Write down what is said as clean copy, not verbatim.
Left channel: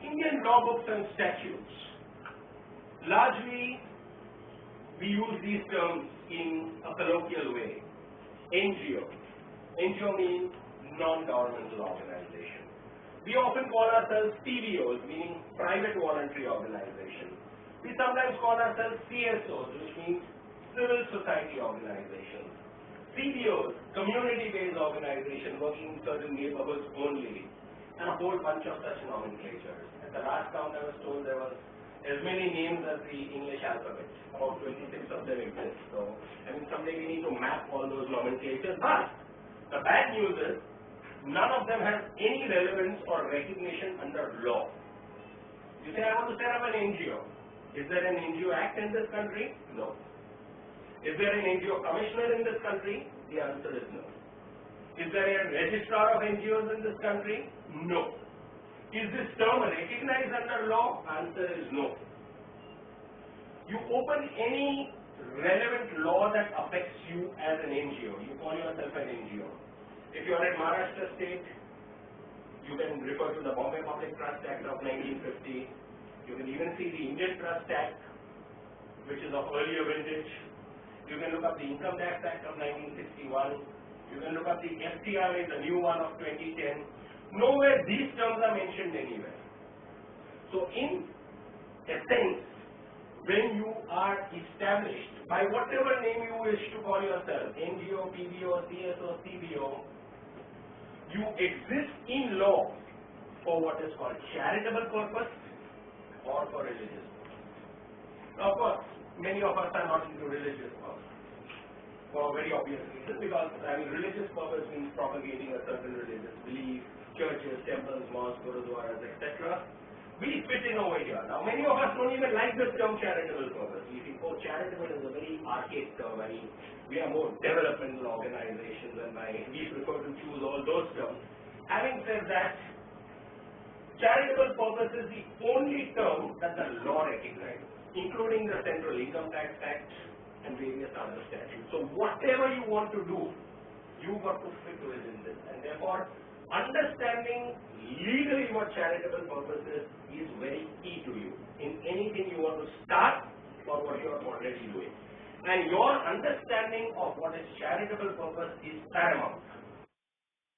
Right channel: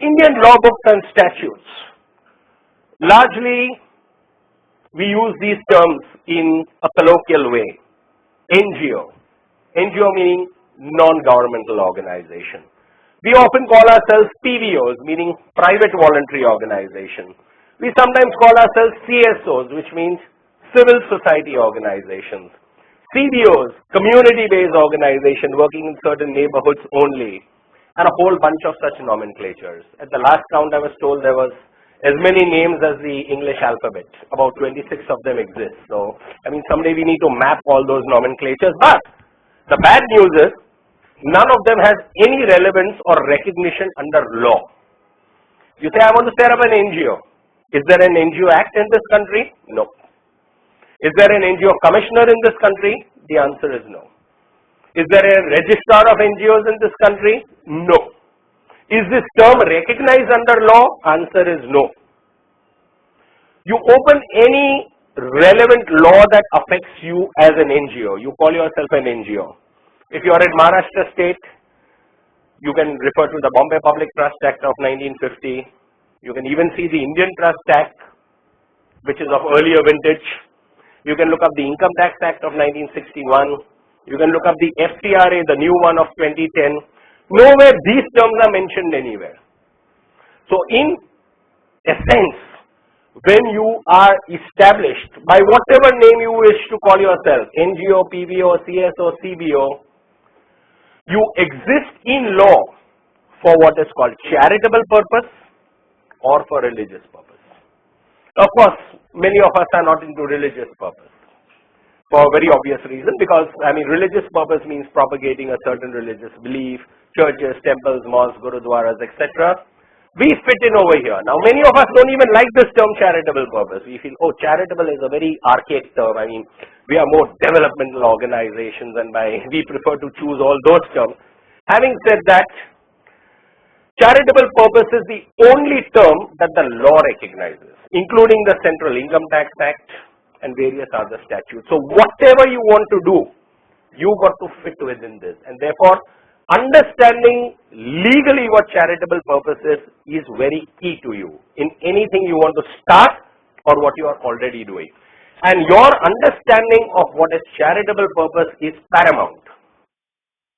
Indian law books and statutes. Largely, we use these terms in a colloquial way. NGO. NGO meaning non-governmental organization. We often call ourselves PVOs, meaning private voluntary organization. We sometimes call ourselves CSOs, which means civil society organizations. CBOs, community-based organization working in certain neighborhoods only, and a whole bunch of such nomenclatures. At the last count I was told there was as many names as the English alphabet. About 26 of them exist. So, I mean, someday we need to map all those nomenclatures. But the bad news is none of them has any relevance or recognition under law. You say, I want to set up an NGO. Is there an NGO Act in this country? No. Is there an NGO commissioner in this country? The answer is no. Is there a registrar of NGOs in this country? No. Is this term recognized under law? Answer is no. You open any relevant law that affects you as an NGO. You call yourself an NGO. If you are in Maharashtra state, you can refer to the Bombay Public Trust Act of 1950. You can even see the Indian Trust Act, which is of earlier vintage. You can look up the Income Tax Act of 1961. You can look up the FTRA, the new one of 2010. Nowhere these terms are mentioned anywhere. So in essence, when you are established by whatever name you wish to call yourself, NGO, PVO, CSO, CBO, you exist in law for what is called charitable purpose or for religious purpose. Of course, many of us are not into religious purpose for a very obvious reason, because I mean religious purpose means propagating a certain religious belief, churches, temples, mosques, gurudwaras, etc. We fit in over here. Now many of us don't even like this term charitable purpose. We feel, oh, charitable is a very archaic term. I mean, we are more developmental organizations and we prefer to choose all those terms. Having said that, charitable purpose is the only term that the law recognizes, including the Central Income Tax Act and various other statutes. So whatever you want to do, you got to fit within this, and therefore understanding legally what charitable purpose is very key to you in anything you want to start or what you are already doing. And your understanding of what is charitable purpose is paramount.